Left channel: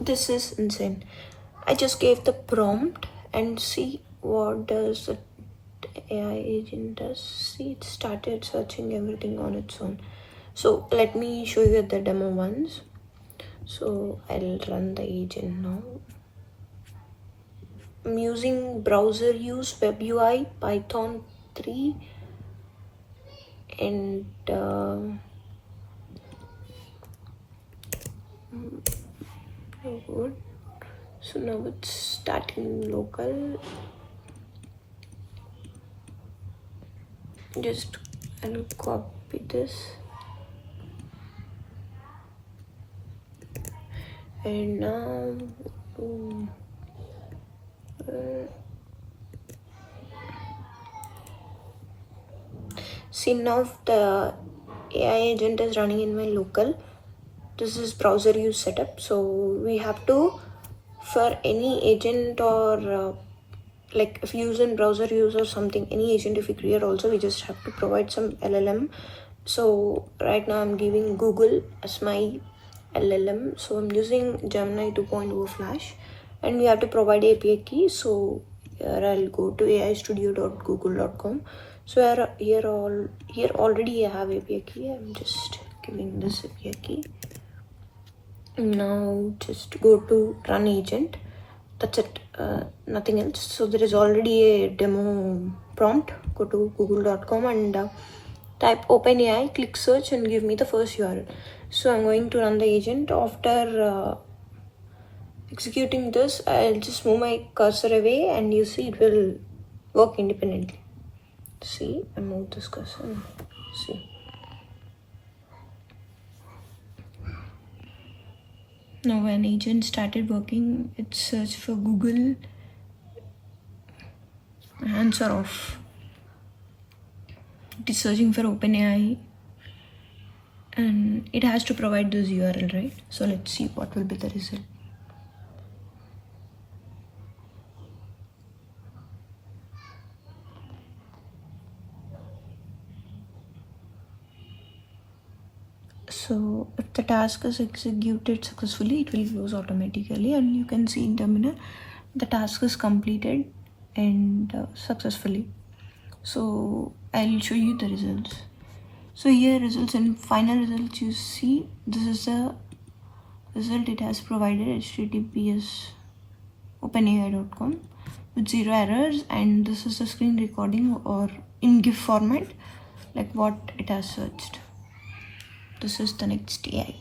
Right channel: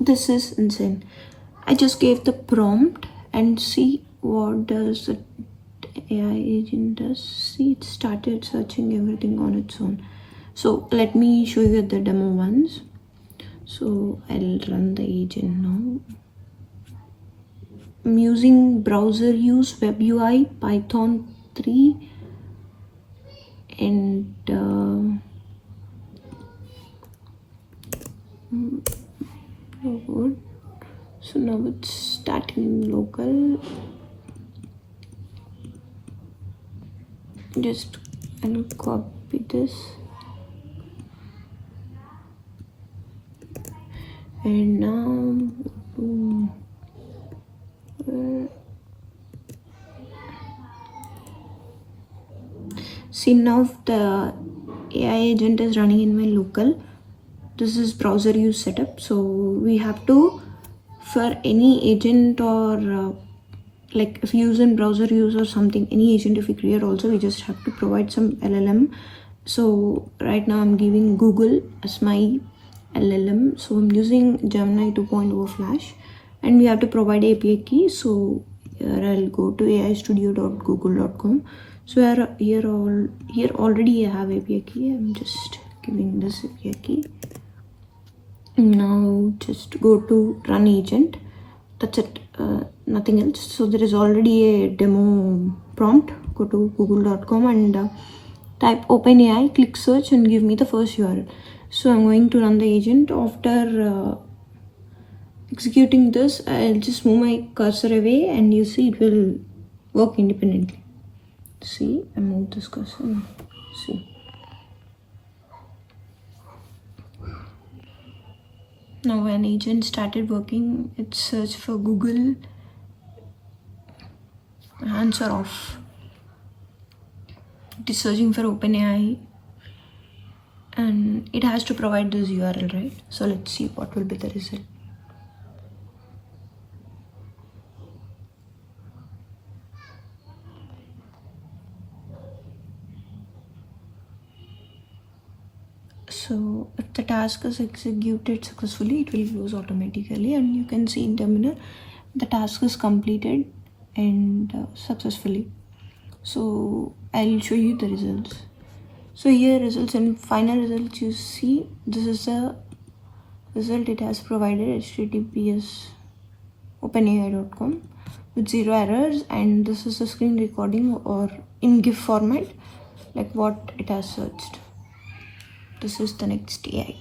This is insane. I just gave the prompt and see what does the AI agent does. See, it started searching everything on its own. So let me show you the demo once. So I'll run the agent now. I'm using browser use, web UI, Python 3, and good. So now it's starting local. Just I'll copy this and now see, now the AI agent is running in my local. This is browser use setup. So we have to, for any agent or like if you use in browser use or something, any agent if you create also, we just have to provide some LLM. So right now I'm giving Google as my LLM. So I'm using Gemini 2.0 Flash, and we have to provide API key. So here I'll go to aistudio.google.com. So here already I have API key. I'm just giving this API key. Now just go to run agent. That's it, nothing else. So there is already a demo prompt. Go to google.com and type OpenAI, click search and give me the first URL. So I'm going to run the agent. After executing this, I'll just move my cursor away and you see it will work independently. See, I moved this cursor. See. Now when agent started working, it searched for Google. Hands are off. It is searching for OpenAI and it has to provide this URL, right? So let's see what will be the result. So if the task is executed successfully, it will close automatically, and you can see in terminal the task is completed and successfully. So I'll show you the results. So here results and final results, you see this is the result it has provided, https openai.com with 0 errors, and this is the screen recording or in GIF format like what it has searched. This is the next AI.